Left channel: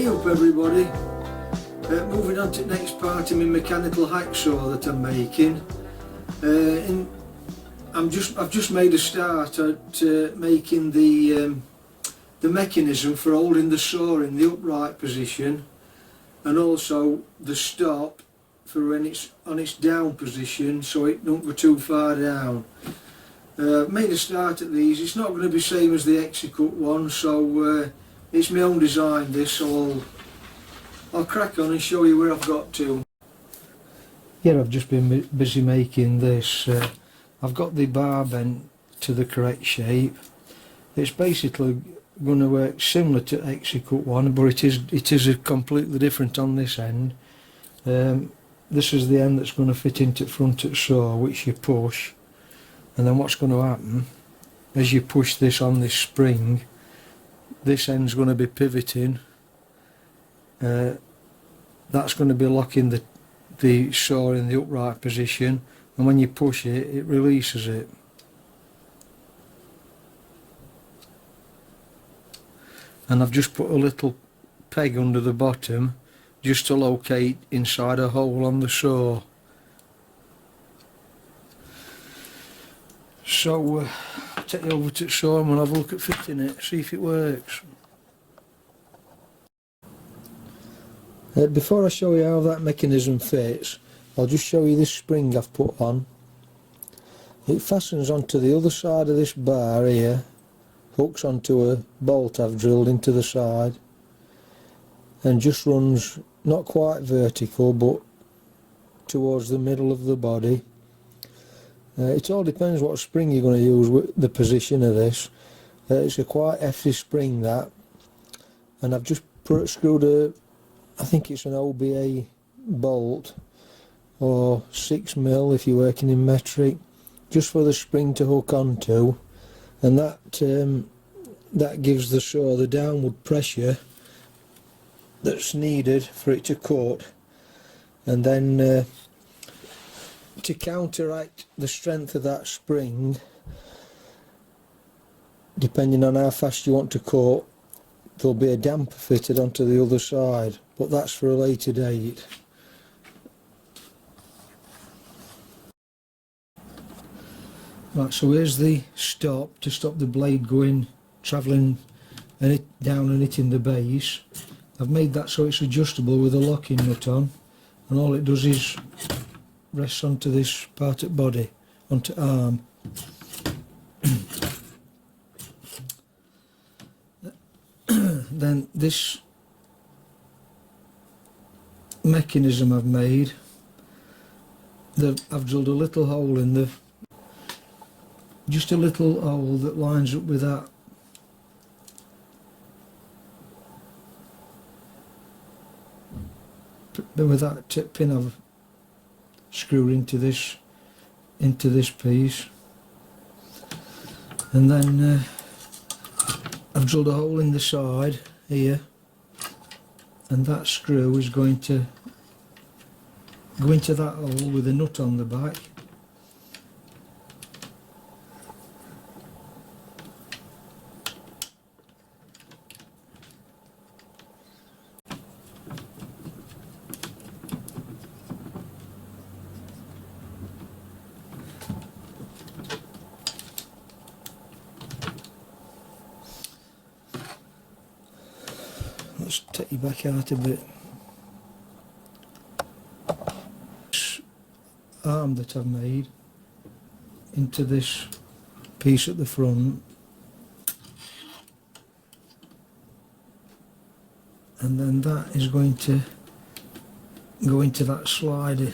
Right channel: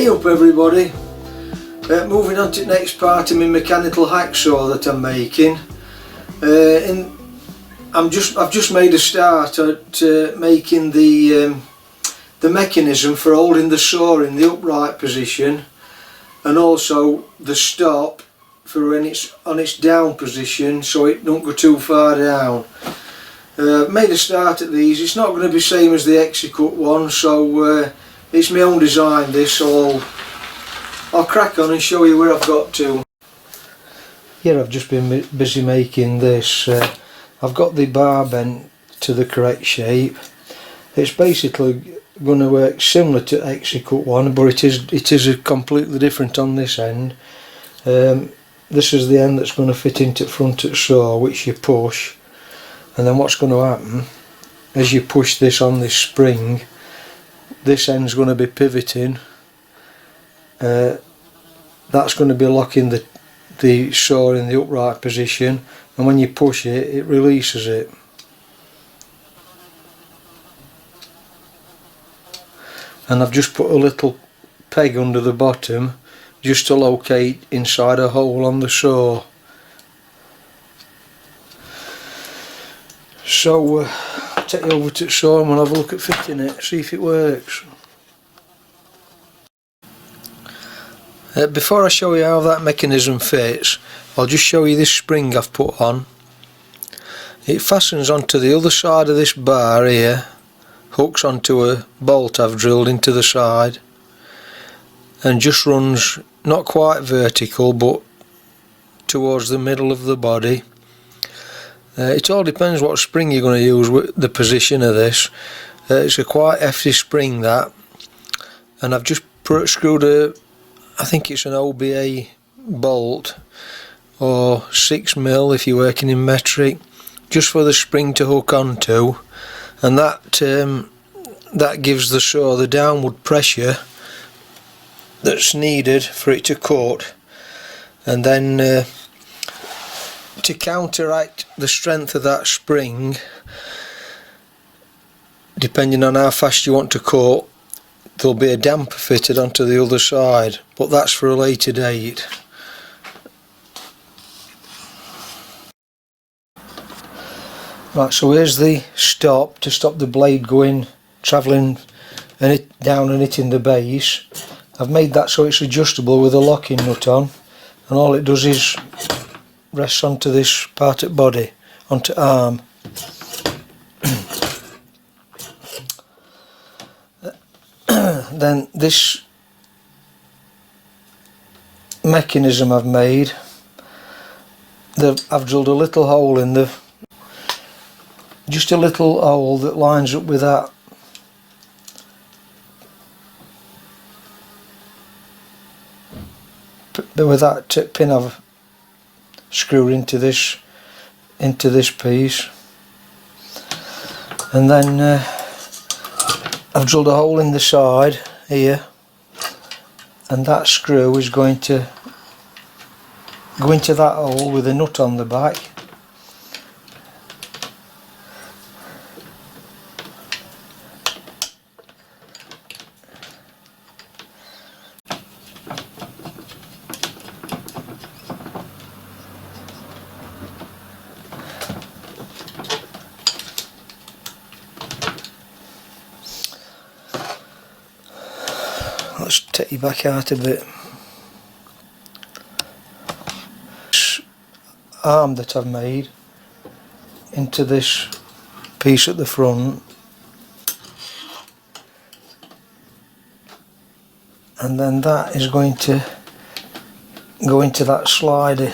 Hey up everybody, moving on to the next part of my mechanical hacksaw that I'm making. I've just made a start at making the mechanism for holding the saw in the upright position, and also the stop for when it's on its down position so it don't go too far down. Made a start at these. It's not going to be the same as the Hacksaw one, so it's my own design this, so I'll crack on and show you where I've got to. Here I've just been busy making this. I've got the bar bent to the correct shape. It's basically going to work similar to Hacksaw one, but it is completely different on this end. This is the end that's going to fit into the front of the saw, which you push, and then what's going to happen as you push this on this spring, this end's going to be pivoting. That's going to be locking the saw in the upright position, and when you push it, it releases it. And I've just put a little peg under the bottom just to locate inside a hole on the saw. So I'll take you over to the saw and we'll have a look at fitting it, see if it works. Before I show you how that mechanism fits, I'll just show you this spring I've put on. It fastens onto the other side of this bar here, hooks onto a bolt I've drilled into the side, and just runs not quite vertical but towards the middle of the body. It all depends what spring you're going to use with the position of this. It's a quite hefty spring that, and I've just screwed I think it's an OBA bolt, or 6mm if you're working in metric, just for the spring to hook onto, and that gives the saw the downward pressure that's needed for it to cut. And then to counteract the strength of that spring, depending on how fast you want to cut, there'll be a damper fitted onto the other side, but that's for a later date. Right, so here's the stop to stop the blade travelling down and hitting the base. I've made that so it's adjustable with a locking nut on, and all it does is rests onto this part of the body, onto arm. Then this mechanism I've made, I've drilled a little hole in just a little hole that lines up with that. With that pin I've screwed into this piece, and then I've drilled a hole in the side here, and that screw is going to go into that hole with a nut on the back. Let's take you back out a bit. This arm that I've made into this piece at the front, and then that is going to go into that slider